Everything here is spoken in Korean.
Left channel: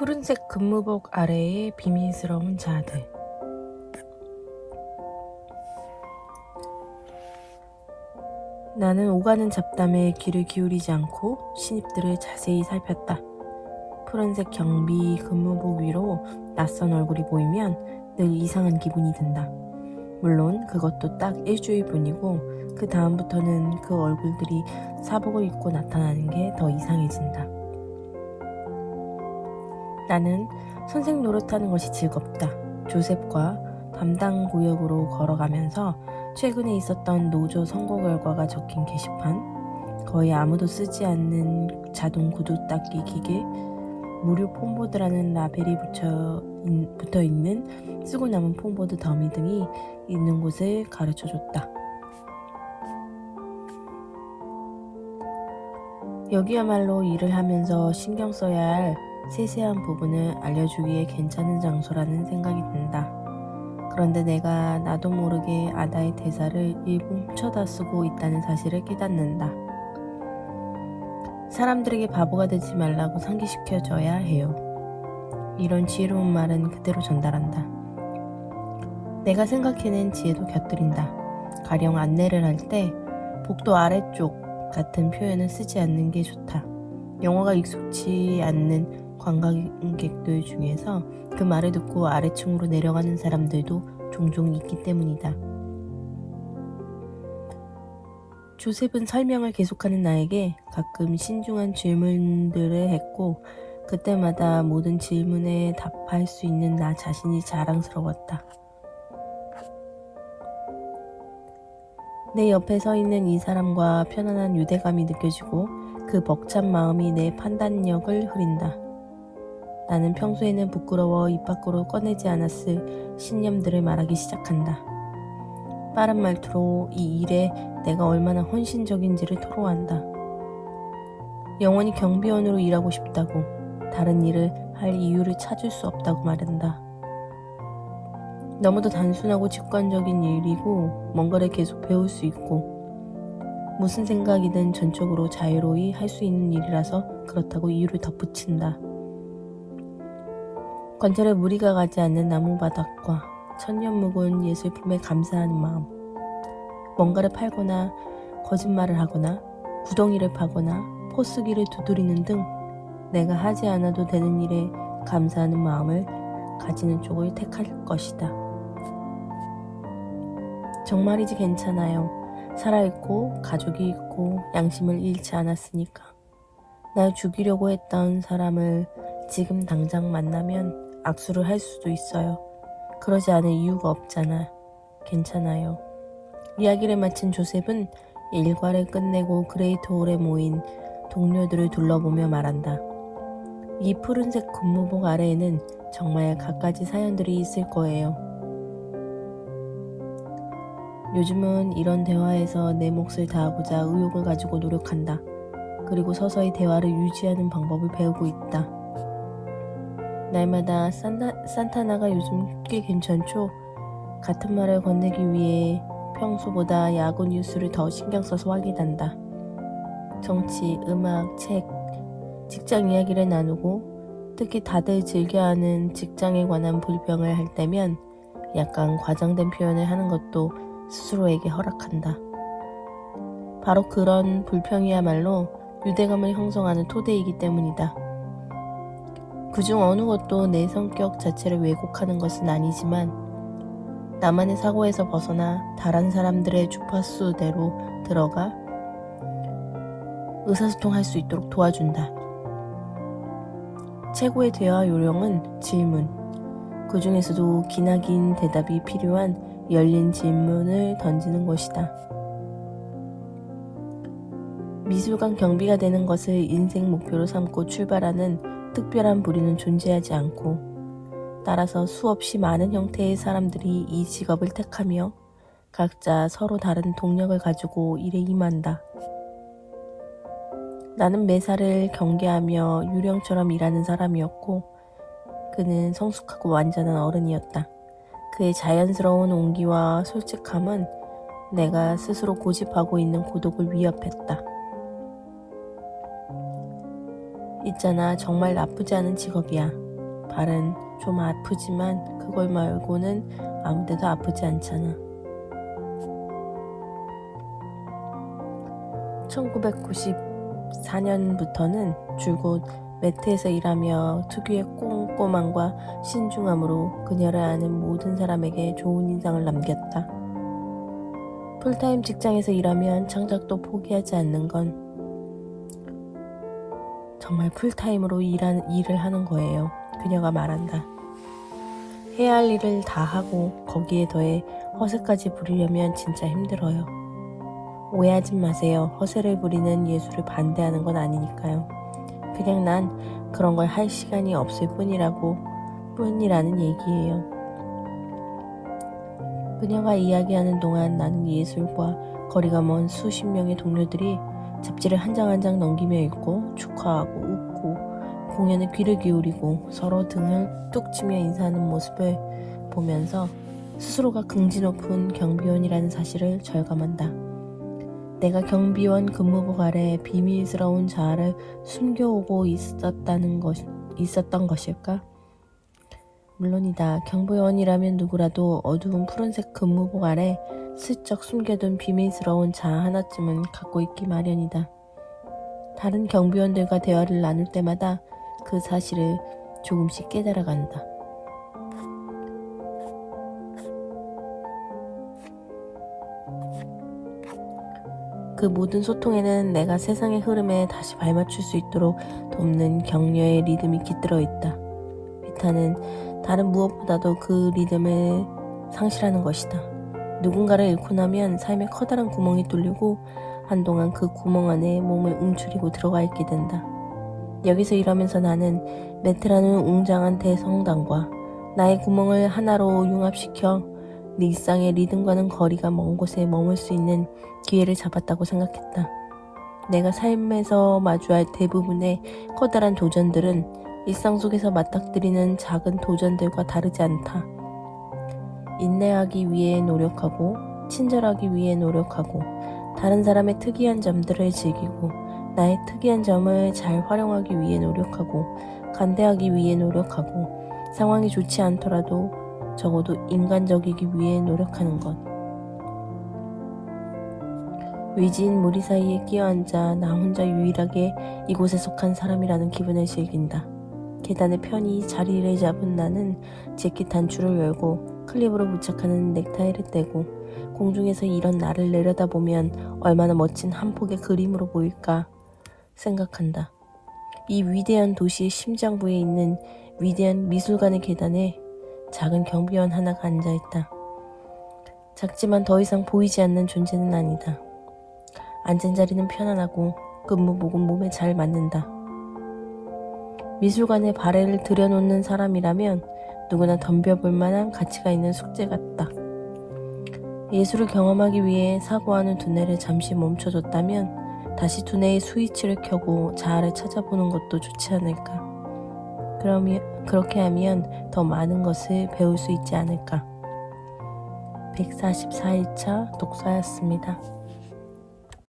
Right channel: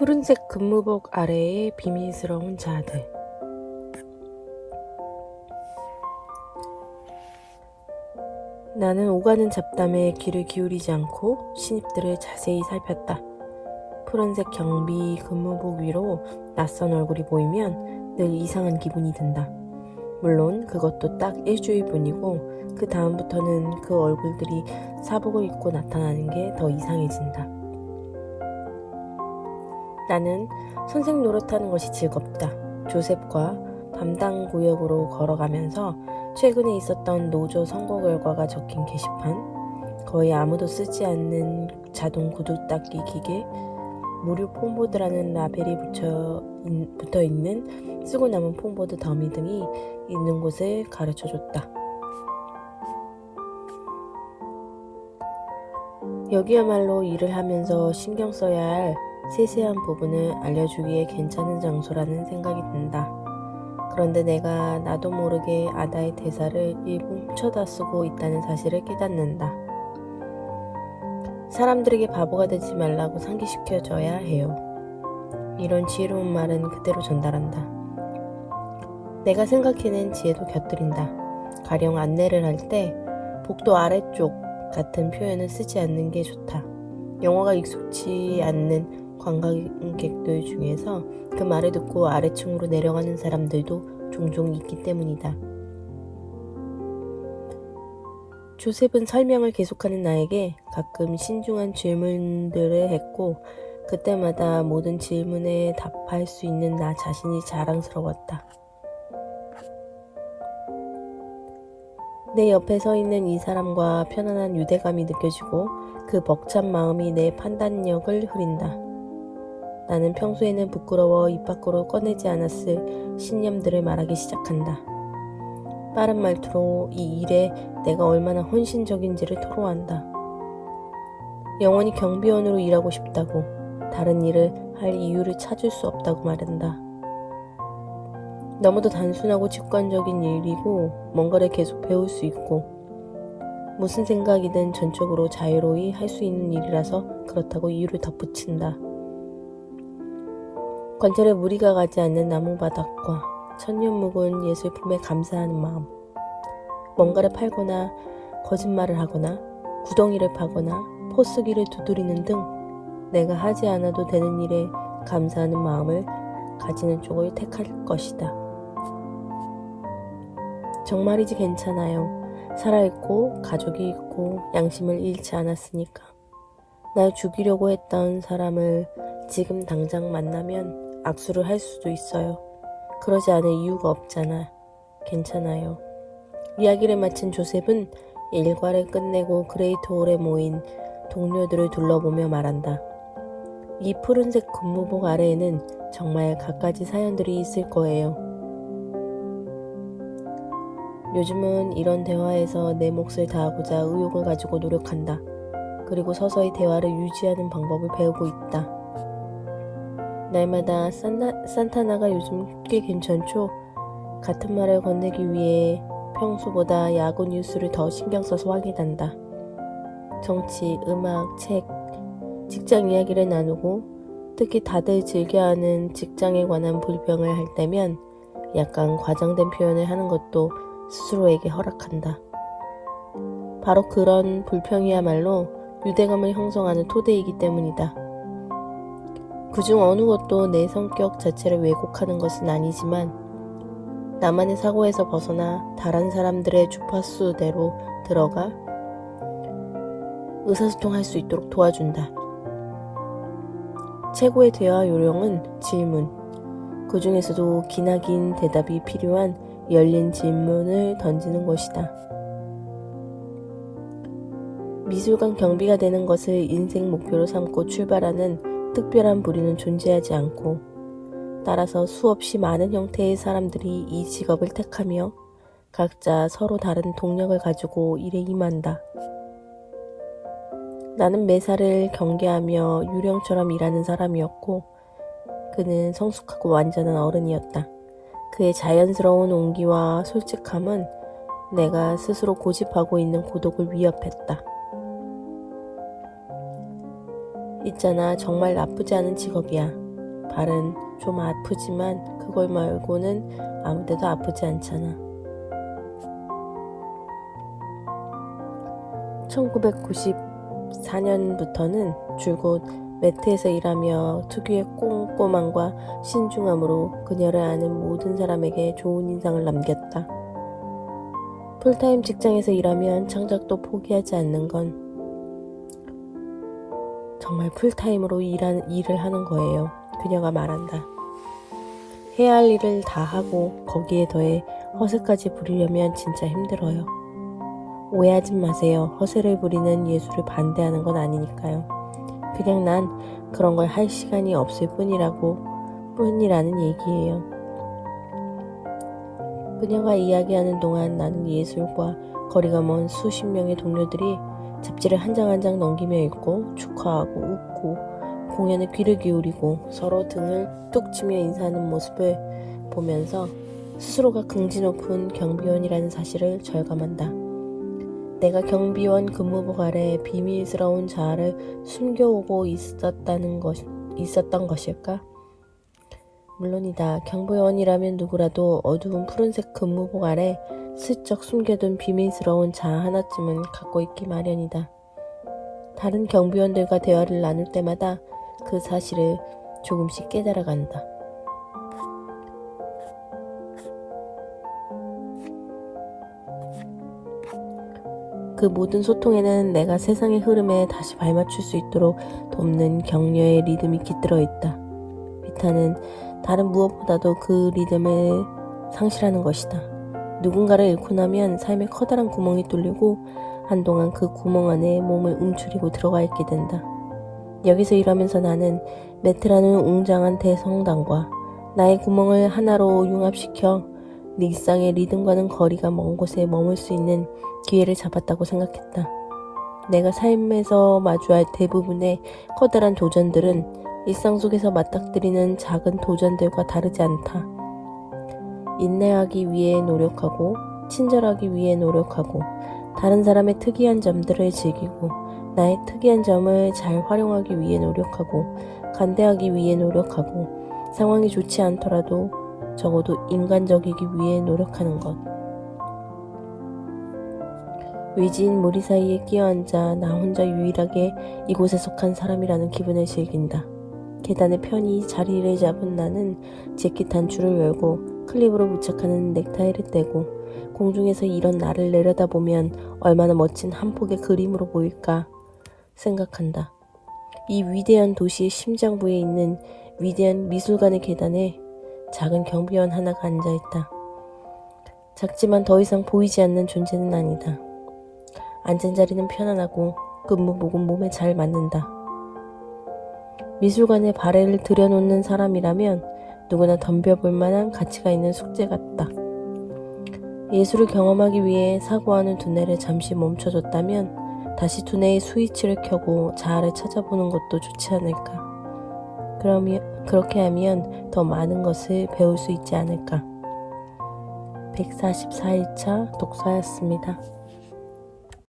푸른색 근무복 아래의 비밀스러운 자들. 나는 오가는 잡담에 귀를 기울이지 않고 신입들을 자세히 살폈다. 푸른색 경비 근무복 위로 낯선 얼굴이 보이면 늘 이상한 기분이 든다. 물론 그것도 딱 일주일뿐이고 그 다음부터는 그 얼굴들이 사복을 입고 나타나는 게 더 이상해진다. 나는 선생 노릇하는 것이 즐겁다. 조셉과 담당 구역으로 걸어가면서 최근에 있었던 노조 선거 결과가 적힌 게시판, 거의 아무도 쓰지 않는 자동 구두 닦기 기계, 무료 폼보드라는 라벨이 붙어있는 쓰고 남은 폼보드 더미 등이 있는 곳을 가르쳐줬다. 여기야말로 일을 하면서 신경 써야 할 세세한 부분을 알려주기에 괜찮은 장소라는 생각이 든다. 그런데 내가 나도 모르게 아다의 대사를 일부 훔쳐다 쓰고 있다는 사실을 깨닫는다. 사람들에게 바보가 되지 말라고 상기시켜줘야 해요. 이런 지혜로운 말은 그대로 전달한다. 내가 생각해낸 지혜도 곁들인다. 가령 안내를 할 때 복도 아래쪽 같은 표현을 쓰지 않는 게 좋다. 영어가 익숙치 않는 관광객들 중에서 그 말을 듣고 아래층으로 내려가는 사람들도 종종 있기 때문이다. 조셉은 설명을 계속하는 나에게 가끔 신중한 질문들을 했고 그때마다 모든 질문에 답할 수 있는 나 자신이 자랑스러웠다. 내 옆에 서 있는 이 사람과 편안한 유대감이 느껴지고 그 벅찬 마음이 내 판단력을 흐린다. 나는 평소에는 부끄러워 입 밖으로 꺼내지 않았을 신념들을 말하기 시작한다. 빠른 말투로 이 일에 내가 얼마나 헌신적인지를 토로한다. 영원히 경비원으로 일하고 싶다고, 다른 일을 할 이유를 찾을 수 없다고 말한다. 너무도 단순하고 직관적인 일이고 뭔가를 계속 배울 수 있고 무슨 생각이든 전적으로 자유로이 할 수 있는 일이라서 그렇다고 이유를 덧붙인다. 관절에 무리가 가지 않는 나무바닥과 천년 묵은 예술품에 감사하는 마음, 뭔가를 팔거나 거짓말을 하거나 구덩이를 파거나 포스기를 두드리는 등 내가 하지 않아도 되는 일에 감사하는 마음을 가지는 쪽을 택할 것이다. 정말이지 괜찮아요. 살아있고 가족이 있고 양심을 잃지 않았으니까. 날 죽이려고 했던 사람을 지금 당장 만나면 악수를 할 수도 있어요. 그러지 않을 이유가 없잖아. 괜찮아요. 이야기를 마친 조셉은 일과를 끝내고 그레이트홀에 모인 동료들을 둘러보며 말한다. 이 푸른색 근무복 아래에는 정말 갖가지 사연들이 있을 거예요. 요즘은 이런 대화에서 내 몫을 다하고자 의욕을 가지고 노력한다. 그리고 서서히 대화를 유지하는 방법을 배우고 있다. 날마다 산타나가 요즘 꽤 괜찮죠? 같은 말을 건네기 위해 평소보다 야구 뉴스를 더 신경 써서 확인한다. 정치, 음악, 책, 직장 이야기를 나누고 특히 다들 즐겨하는 직장에 관한 불평을 할 때면 약간 과장된 표현을 하는 것도 스스로에게 허락한다. 바로 그런 불평이야말로 유대감을 형성하는 토대이기 때문이다. 그중 어느 것도 내 성격 자체를 왜곡하는 것은 아니지만 나만의 사고에서 벗어나 다른 사람들의 주파수대로 들어가 의사소통할 수 있도록 도와준다. 최고의 대화 요령은 질문, 그 중에서도 기나긴 대답이 필요한 열린 질문을 던지는 것이다. 미술관 경비가 되는 것을 인생 목표로 삼고 출발하는 특별한 부류는 존재하지 않고 따라서 수없이 많은 형태의 사람들이 이 직업을 택하며 각자 서로 다른 동력을 가지고 일에 임한다. 나는 매사를 경계하며 유령처럼 일하는 사람이었고 그는 성숙하고 완전한 어른이었다. 그의 자연스러운 온기와 솔직함은 내가 스스로 고집하고 있는 고독을 위협했다. 있잖아, 정말 나쁘지 않은 직업이야. 발은 좀 아프지만 그걸 말고는 아무 데도 아프지 않잖아. 1994년부터는 줄곧 매트에서 일하며 특유의 꼼꼼함과 신중함으로 그녀를 아는 모든 사람에게 좋은 인상을 남겼다. 풀타임 직장에서 일하면 창작도 포기하지 않는 건 정말 풀타임으로 일을 하는 거예요. 그녀가 말한다. 해야 할 일을 다 하고 거기에 더해 허세까지 부리려면 진짜 힘들어요. 오해하지 마세요. 허세를 부리는 예술을 반대하는 건 아니니까요. 그냥 난 그런 걸 할 시간이 없을 뿐이라는 얘기예요. 그녀가 이야기하는 동안 나는 예술과 거리가 먼 수십 명의 동료들이 잡지를 한 장 한 장 넘기며 읽고 축하하고 웃고 공연에 귀를 기울이고 서로 등을 뚝 치며 인사하는 모습을 보면서 스스로가 긍지 높은 경비원이라는 사실을 절감한다. 내가 경비원 근무복 아래 비밀스러운 자아를 숨겨오고 있었던 것일까? 물론이다. 경비원이라면 누구라도 어두운 푸른색 근무복 아래 슬쩍 숨겨둔 비밀스러운 자아 하나쯤은 갖고 있기 마련이다. 다른 경비원들과 대화를 나눌 때마다 그 사실을 조금씩 깨달아간다. 그 모든 소통에는 내가 세상의 흐름에 다시 발맞출 수 있도록 돕는 격려의 리듬이 깃들어 있다. 비타는 다른 무엇보다도 그 리듬을 상실하는 것이다. 누군가를 잃고 나면 삶에 커다란 구멍이 뚫리고 한동안 그 구멍 안에 몸을 움츠리고 들어가 있게 된다. 여기서 일하면서 나는 매트라는 웅장한 대성당과 나의 구멍을 하나로 융합시켜 일상의 리듬과는 거리가 먼 곳에 머물 수 있는 기회를 잡았다고 생각했다. 내가 삶에서 마주할 대부분의 커다란 도전들은 일상 속에서 맞닥뜨리는 작은 도전들과 다르지 않다. 인내하기 위해 노력하고 친절하기 위해 노력하고 다른 사람의 특이한 점들을 즐기고 나의 특이한 점을 잘 활용하기 위해 노력하고 관대하기 위해 노력하고 상황이 좋지 않더라도 적어도 인간적이기 위해 노력하는 것. 위지인 무리 사이에 끼어앉아 나 혼자 유일하게 이곳에 속한 사람이라는 기분을 즐긴다. 계단에 편히 자리를 잡은 나는 재킷 단추를 열고 클립으로 부착하는 넥타이를 떼고 공중에서 이런 나를 내려다보면 얼마나 멋진 한 폭의 그림으로 보일까 생각한다. 이 위대한 도시의 심장부에 있는 위대한 미술관의 계단에 작은 경비원 하나가 앉아있다. 작지만 더 이상 보이지 않는 존재는 아니다. 앉은 자리는 편안하고 근무복은 몸에 잘 맞는다. 미술관에 발해를 들여놓는 사람이라면 누구나 덤벼볼 만한 가치가 있는 숙제 같다. 예술을 경험하기 위해 사고하는 두뇌를 잠시 멈춰줬다면 다시 두뇌의 스위치를 켜고 자아를 찾아보는 것도 좋지 않을까. 그렇게 하면 더 많은 것을 배울 수 있지 않을까. 144일차 독서였습니다.